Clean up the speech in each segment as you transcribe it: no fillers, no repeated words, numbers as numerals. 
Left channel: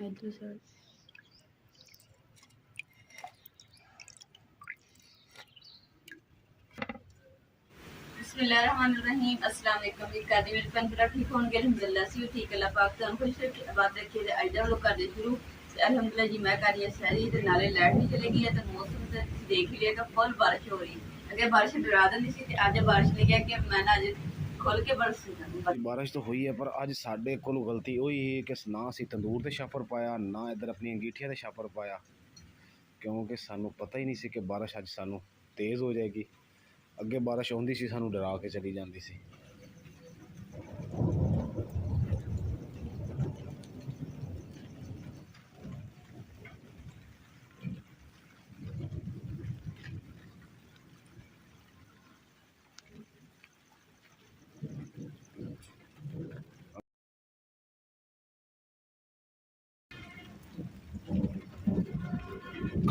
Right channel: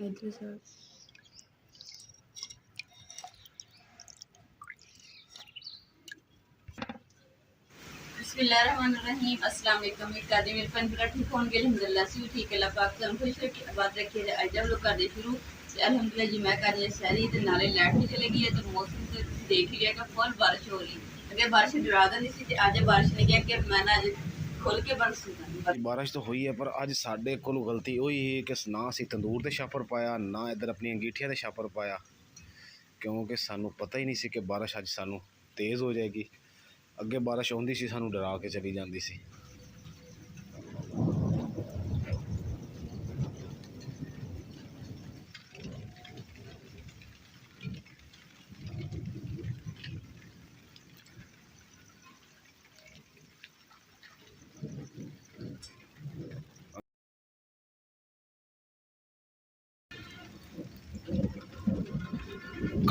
इधर से बिस्मिल्लाहिर्रहमानिर्रहीम। अस्सलाम वालेकुम। एक आदि मेरे पन पूरा ठीक होने के अल्हम्दुलिल्लाह से ठीक अल्लाह पाक तो खुश रखे आबाद रखे। आज हम लोग कर दे शुरू अल्हम्दुलिल्लाह जी। मैं कर रही है सारी ते नाले लाइट भी चली गई है तो मौसम से देख लिया कि फुल बारिश हो रही है। अगर बारिश डरा दी सी ते आज बारिश नहीं गया कि मैं ना आज खोल के बरस बारिश तो हुई है पर अज साडे कोल गलती हुई है कि ना असी तंदूर ते छापर पाया ना इधर अपनी अंगीठियां ते छापर पाया, क्योंकि सानू पता ही नहीं सी कि बारिश अज सानू तेज़ हो जाएगी। अगे बारिश आउंदी सी सानू डरा के चली जाती सी।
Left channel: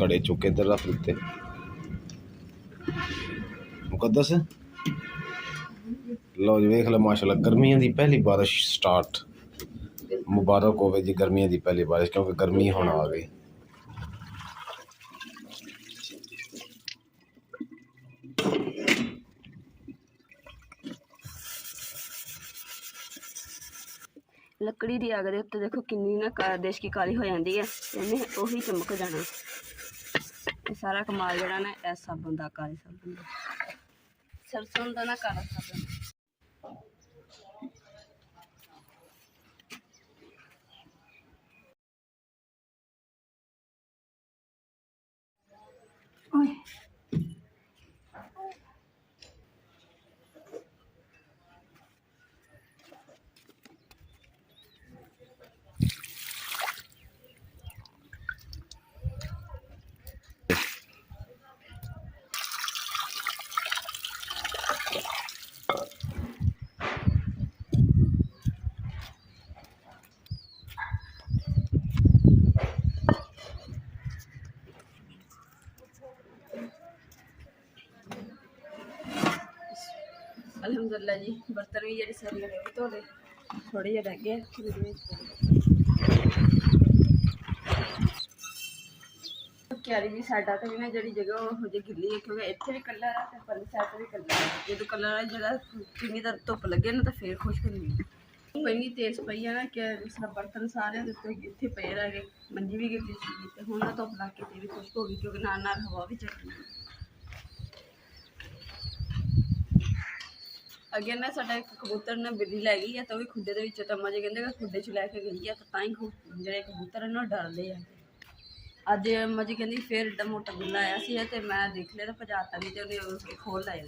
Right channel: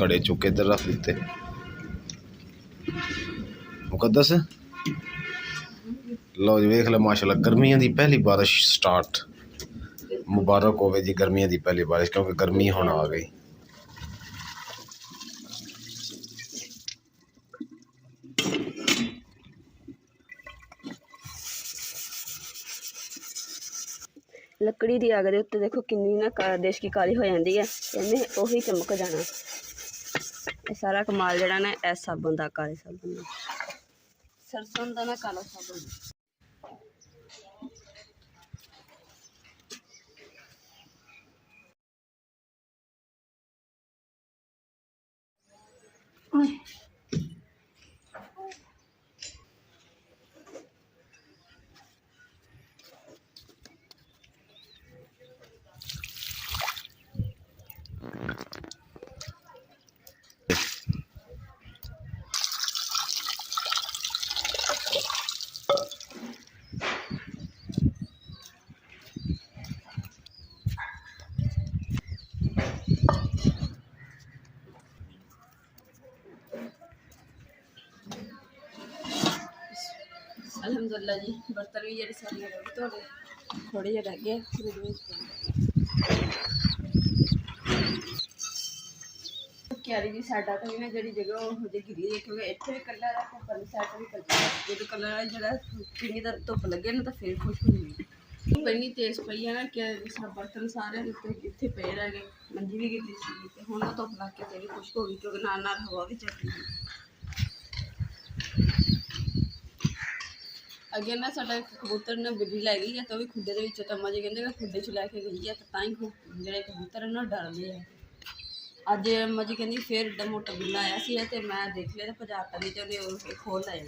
कड़े चुके इधर रख दिते। मुकद्दस लो जी वेख लो माशाल्लाह गर्मियों की पहली बारिश स्टार्ट। मुबारक होवे जी गर्मियों की पहली बारिश, क्योंकि गर्मी हुण आ गई। लकड़ी की अग उत्ते देखो किन्नी ना देश की काली हो जाती है, इन्हें उही चमक जाना। ये सारा कमाल जड़ा ना इस साबुन का, काले साबुन का, सरसों का ना काला साबुन। अल्हम्दुलिल्लाह जी बर्तन भी जेडे सारे रह गए धोने, थोड़े जे रह गए। क्यारी की साइडा तो भी ना जी जगह वो गिली है, क्योंकि इतने भी कलर है परली साइड भी कलर है। जो कलर वाली जगह किन्नी देर धुप लगे ना तो फिर खुश्क होंगी। इन्नी तेज पई है ना कि जिस बर्तन सारे इतने पे रह गए, मंजी भी गिली सी हूँ ना धुप लग के भी खुश्क हो गई, क्योंकि नाल नाल हवा भी चली गई। अगे ना साडा एक कबूतर ने बिल्ली लै गई है, तो भी खुडे के तम्मा जी कहते खुडे च लैके गई है, तो ताई जो कबूतर है ना डरते हैं। अज अम्मा जी कहती फिर एडा मोटा बिल्ला आया सी ते मैं देख लिया तो भजाता नहीं, तो उन्हें खोल लाया।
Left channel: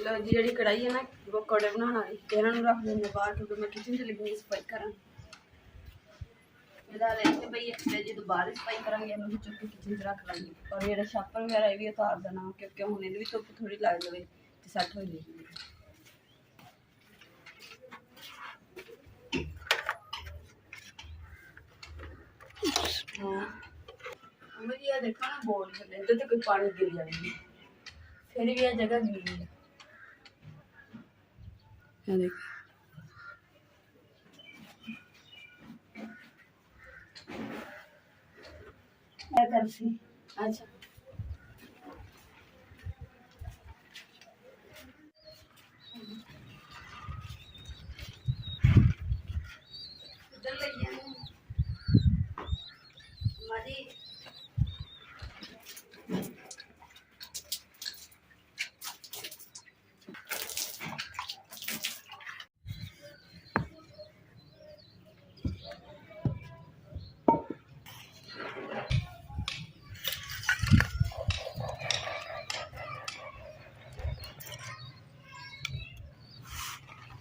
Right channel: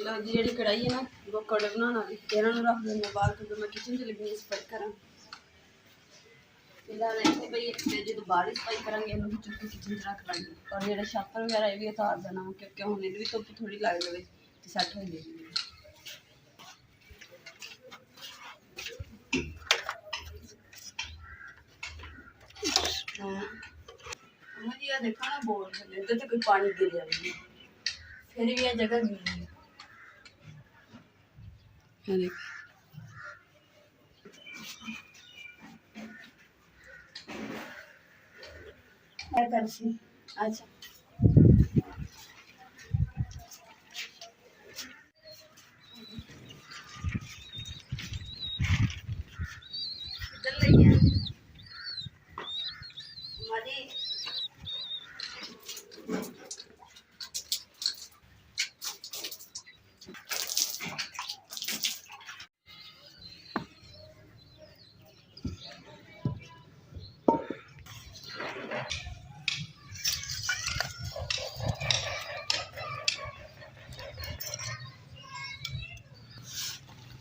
लो जी जी कढ़ाई है ना वो कड़े बनाना इन्हों रख देंगे बाहर, क्योंकि मैं किचन च लगी सफाई करा। जो बाहर सफाई करा चुप के किचन च रख लाँगी, और जो छापर वगैरह ये भी उतार देना, क्योंकि हूँ ये भी धुप थोड़ी लग जाए तो सैट हो जाएगी। मुझे देखो ना बोल इधर तो कोई पानी गिर जाएगी, फिर भी यह जगह गीली है। अच्छा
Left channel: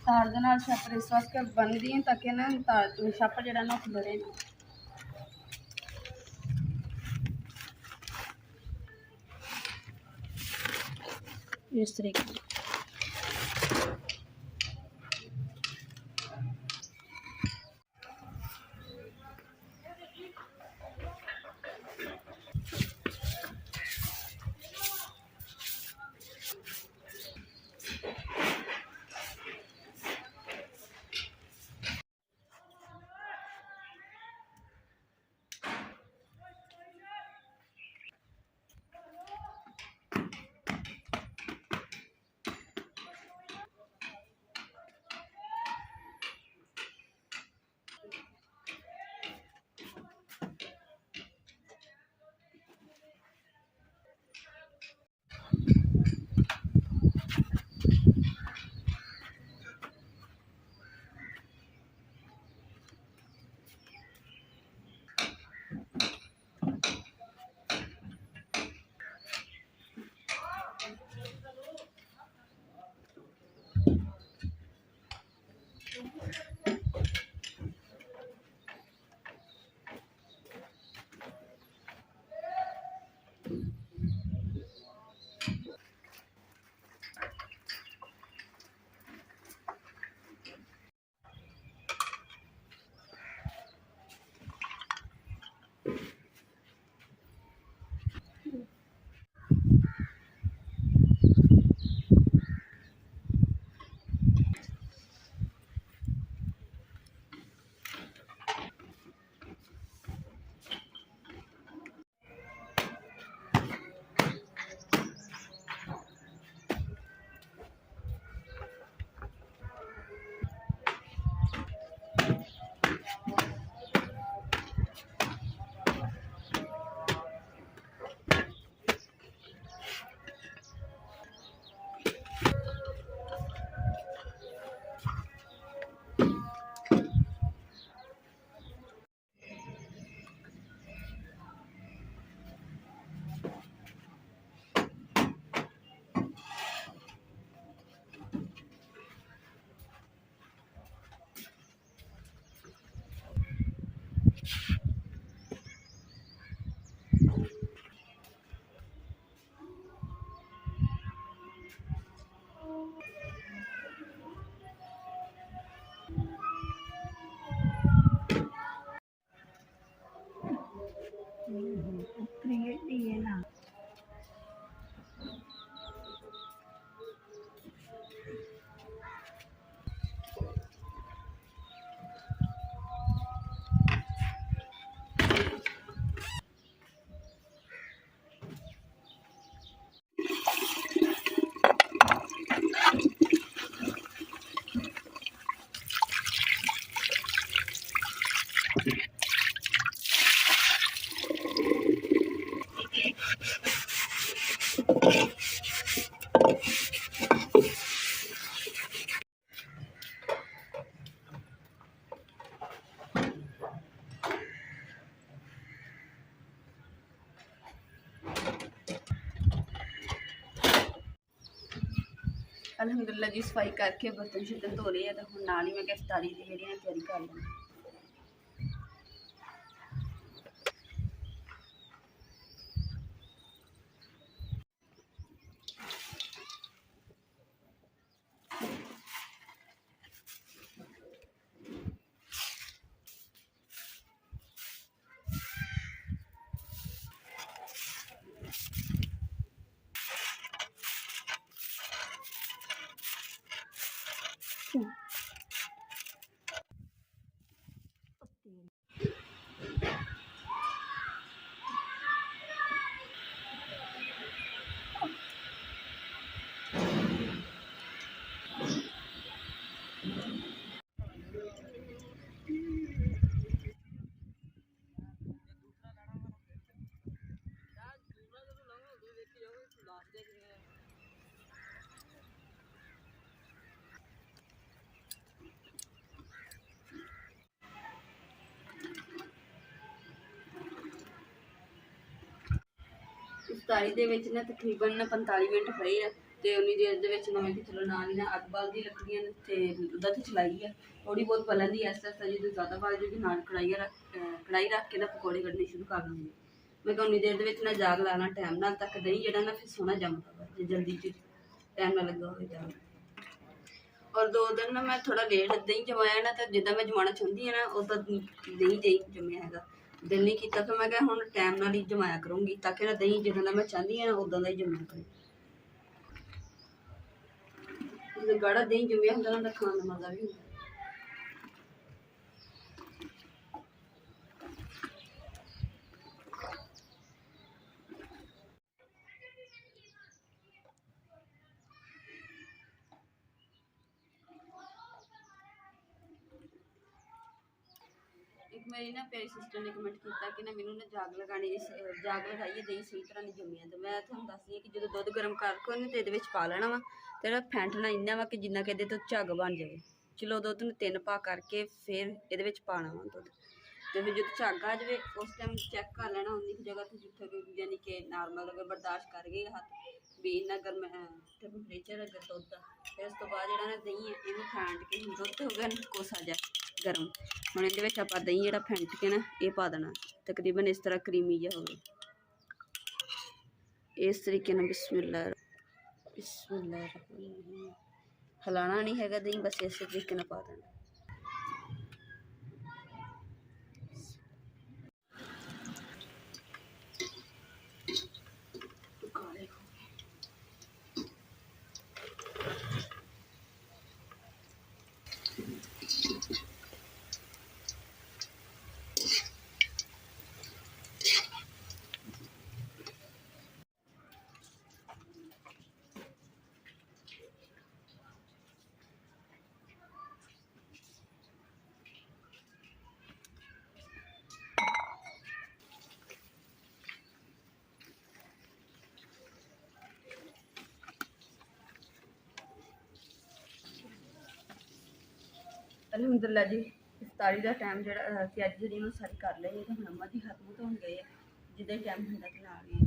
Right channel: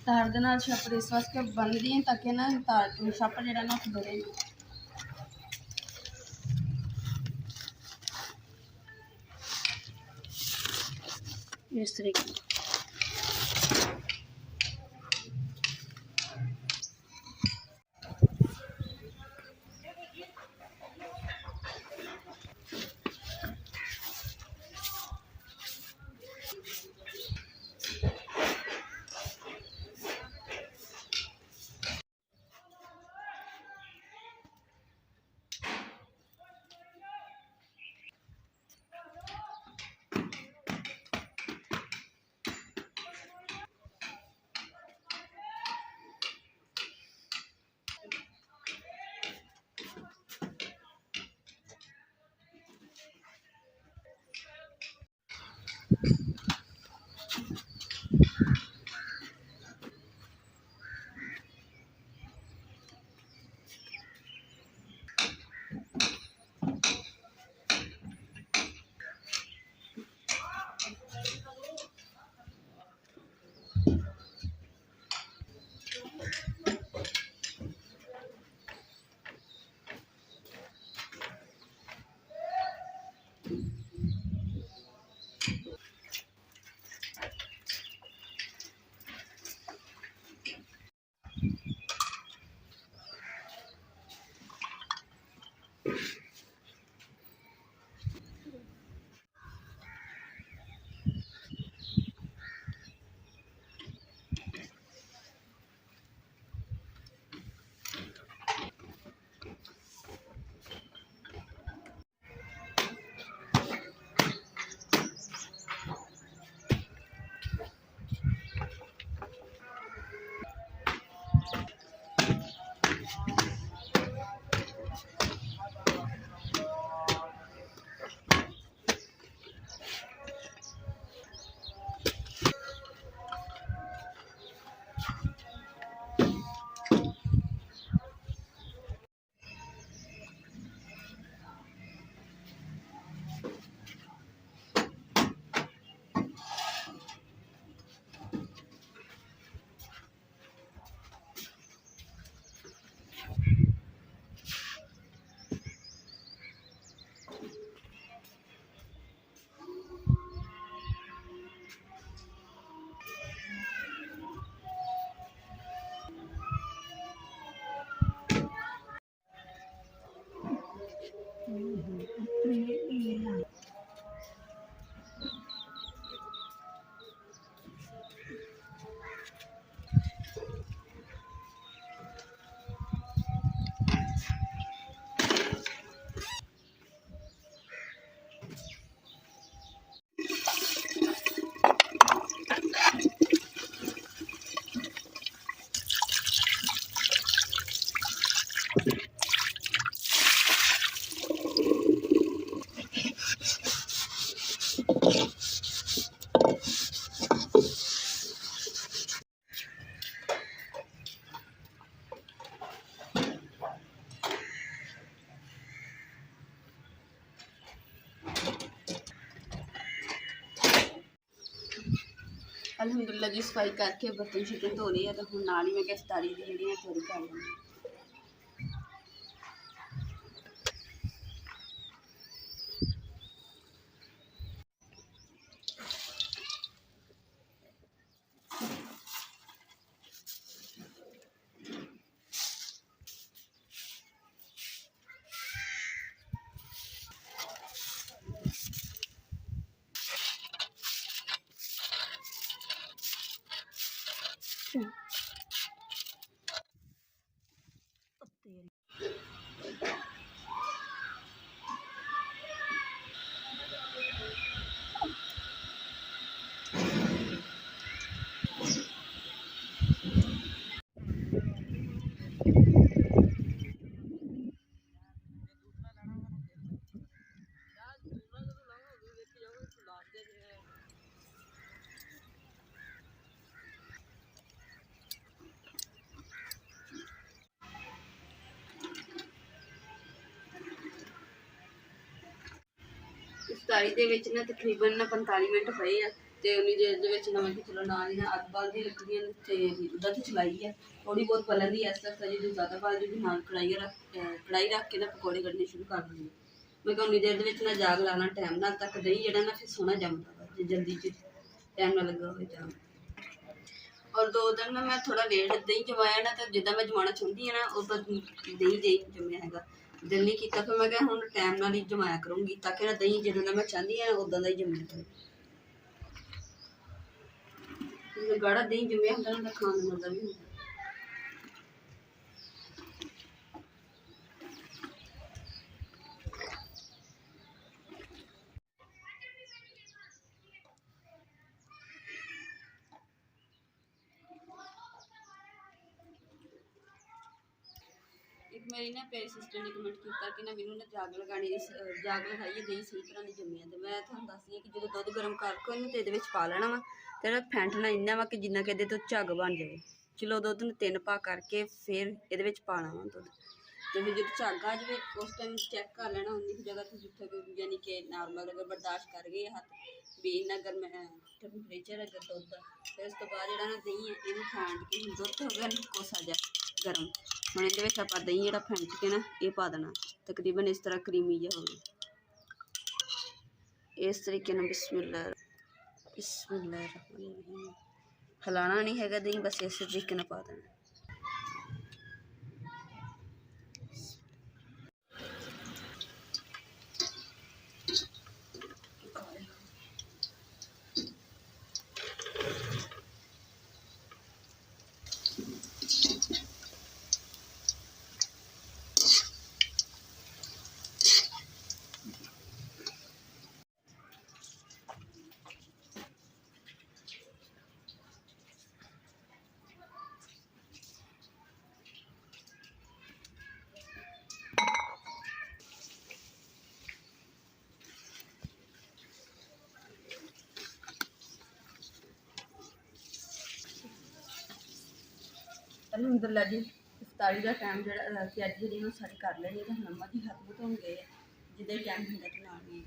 तार दे नाल छापर इस वास्ते बनदी है ताकि ना तार छापर जेड़ा ना खुले ना। इस तरीके ਅਲਹਮਦੁਲਿਲਾ ਜੀ ਸਫਾਈ ਕਰਕੇ ਬਰਤਨ ਸ਼ਰਤਨ ਧੋ ਲਏ ਆ ਤੇ ਹੁਣ ਨਾਲ ਹੀ ਮੈਂ ਕਿਹਾ ਇਫਤਾਰੀ ਦੀ ਜਿਹੜੀ ਹੈ ਤਿਆਰੀ ਕਰ ਲਵਾਂਗੀ। ਇਫਤਾਰੀ ਦੇ ਵਿੱਚ ਨਾ ਤਕਰੀਬਨ 45 ਮਿੰਟ ਹੋਏ ਆ ਤੇ ਉਨੀ ਦੇਰ ਦੇ ਵਿੱਚ ਨਾ ਮੈਂ ਕਿ ਚਲੋ ਨਾਲ ਹੀ ਨਾ ਅੱਗ ਬਾਲਦੀ ਲੱਕੜੀਆਂ ਤੇ ਉਹਦਾ ਤੇ ਚਲਾਈ ਆ ਥੋੜੀ ਬਹੁਤ ਪਲਣ ਦੀ ਐਸਾ ਜਦੋਂ ਜ਼ਿਆਦਾ ਬਾਲ ਜੂਗੀ ਨਾਲ ਕੜਾਈ ਰੱਖ ਕੇ ਨਾ ਪਕੌੜੇ ਕੱਢਣੇ ਸ਼ੁਰੂ ਕਰ ਦਿੰਦੀ। ਮੈਂ ਕਿਹਾ ਉਨੀ ਦੇਰ ਦੇ ਵਿੱਚ ਨਾ ਜਾਗ ਲਾ ਲਾਂ ਟਾਈਮ ਨਾਲ ਤੱਕ ਦਹੀਂ ਜਿਹੜਾ ਨਾ ਫਿਰ ਸੋਹਣਾ ਜੰਮਦਾ ਵਾ ਜੇ ਜਲਦੀ ਚ ਟਾਈਮ ਨਾਲ ਲੱਗਾ ਹੋਵੇ ਜਾਗ। ਔਰ 2 ਦਿਨ ਨਾ ਮੈਂ ਥੋੜਾ ਲੇਟ ਦਹੀਂ ਜਮਾਇਆ ਨਾ ਤਾਂ ਜਿੱਦਾਂ ਮੈਂ ਜਮਾਉਣਾ ਚਾਹੁੰਦੀ ਹਾਂ ਨਾ ਉਦਾਂ ਦਹੀਂ ਜੰਮਿਆ ਹੈਗਾ। ਦਿਲ ਨਹੀਂ ਕੀਤਾ ਫਿਰ ਮੈਂ ਕਿਹਾ ਹੁਣ ਟਾਈਮ ਨਾਲ ਹੀ ਜਮਾਇਆ ਕਰੂੰਗੀ ਤਾਂ ਕਿ ਨਾ ਦਹੀਂ ਜਿੱਦਾਂ ਦਾ ਮੈਂ ਚਾਹੁੰਦੀ ਹਾਂ ਉਦਾਂ ਦਾ ਹੀ ਜੰਮਿਆ ਕਰੇ। ਜਦੋਂ ਗਾੜਾ ਦਹੀਂ ਜੰਮਿਆ ਹੁੰਦਾ ਨਾ ਤਾਂ ਖਾਣ ਦਾ ਮਜ਼ਾ ਵੀ ਹੁੰਦਾ। ਇੱਕ ਮੇਰੀ ਨਾ ਪਿਆਰੀ ਸਿਸਟਰ ਨੇ ਕਮੈਂਟ ਕੀਤਾ ਕਿ ਨਾ ਮੈਨੂੰ ਨਾ ਜਾਗ ਲਗਾਈਏ ਦਹੀਂ ਸਹੀ ਤਰ੍ਹਾਂ ਨਹੀਂ ਜੰਮਿਆ। ਤੇ ਮੈਂ ਤੁਹਾਨੂੰ ਦੱਸਦੀ ਹਾਂ ਕਿ ਜਦੋਂ ਦੁੱਧ ਗਰਮ ਕਰਕੇ ਉਹਨੂੰ ਤੇ ਇਹਦੇ ਵਿੱਚ ਪਾ ਲੈਣਾ ਵਾ ਤੇ ਇਹਦਾ ਫੈਂਟਣਾ ਇੰਨਾ ਵਾ ਕਿ ਜਿੰਨਾ ਕਿ ਇਹਦੇ ਤੋਂ ਝੱਗ ਬਣ ਜਾਵੇ। ਚਲੋ ਦੁੱਧ ਨੂੰ 3 ਪਾ ਕਰਕੇ ਫਿਰ ਇਹਦੇ ਵਿੱਚ ਪਾਣਾ ਵਾ ਦੁੱਧ ਤੇ ਫਿਰ ਜਦੋਂ ਝੱਗ ਆ ਜਾਵੇ ਉਸ ਟਾਈਮ ਚੈੱਕ ਕਰ ਲੈਣਾ ਉਨੀ ਕੁ ਜਗ੍ਹਾ ਤੋਂ ਜਿੱਥੇ ਕਿ ਯਾਨੀ ਕਿ ਨਾਰਮਲ ਅਗਰ ਬਰਦਾਸ਼ਤ ਕਰ ਗਏ ਹੱਥ ਵੀ ਇੰਨਾ ਗਰਮ ਟੈਂਪਰੇਚਰ ਅਗਰ ਦੁੱਧ ਦਾ। ਫਿਰ ਉਸ ਤੋਂ ਬਾਅਦ ਜਿਹੜਾ ਨਾ ਦਹੀਂ ਹੈ ਇਹਨੂੰ ਫੈਂਟ ਕੇ ਦੁੱਧ ਹੋ ਗਿਆ ਕੋਸਾ ਜਿਹਾ ਗਰਮ। ਹੁਣ ਇਹਦੇ ਵਿੱਚ ਆਪਾਂ ਦਹੀਂ ਜਿਹੜਾ ਫੈਂਟ ਕੇ ਨਾ ਇਹ ਪਾ ਦੇਣਾ ਤਕਰੀਬਨ ਇਸ ਤਰ੍ਹਾਂ ਕਰੀਮੀ ਜਿਹਾ ਹੋਵੇ। ਇਸ ਤਰੀਕੇ ਨਾਲ ਬਿਸਮਿਲ੍ਲਾ ਹਿਲਾਣਾ ਨਹੀਂ ਹੈਗਾ ਦਹੀਂ ਬਸ ਇਸੇ ਤਰੀਕੇ ਨਾਲ ਪਾ ਦੇਣਾ। ਅਲਹਮਦੁਲਿਲਾ ਜੀ ਇਫਤਾਰੀ ਦਾ ਟਾਈਮ ਜਿਹੜਾ ਕਿ ਅੱਜ ਜਿਹੜੀ ਮੈਂ ਸਾਰੀ ਕਰ ਲਈ ਹੈ ਤਾਂ ਹੁਣ ਅੰਮਾ ਜੀ ਹੱਥ ਧੋਣ ਗਏ ਆ ਜਿੱਦਾਂ ਹੀ ਟਾਈਮ ਹੁੰਦਾ ਤੇ ਨਾਲ ਹੀ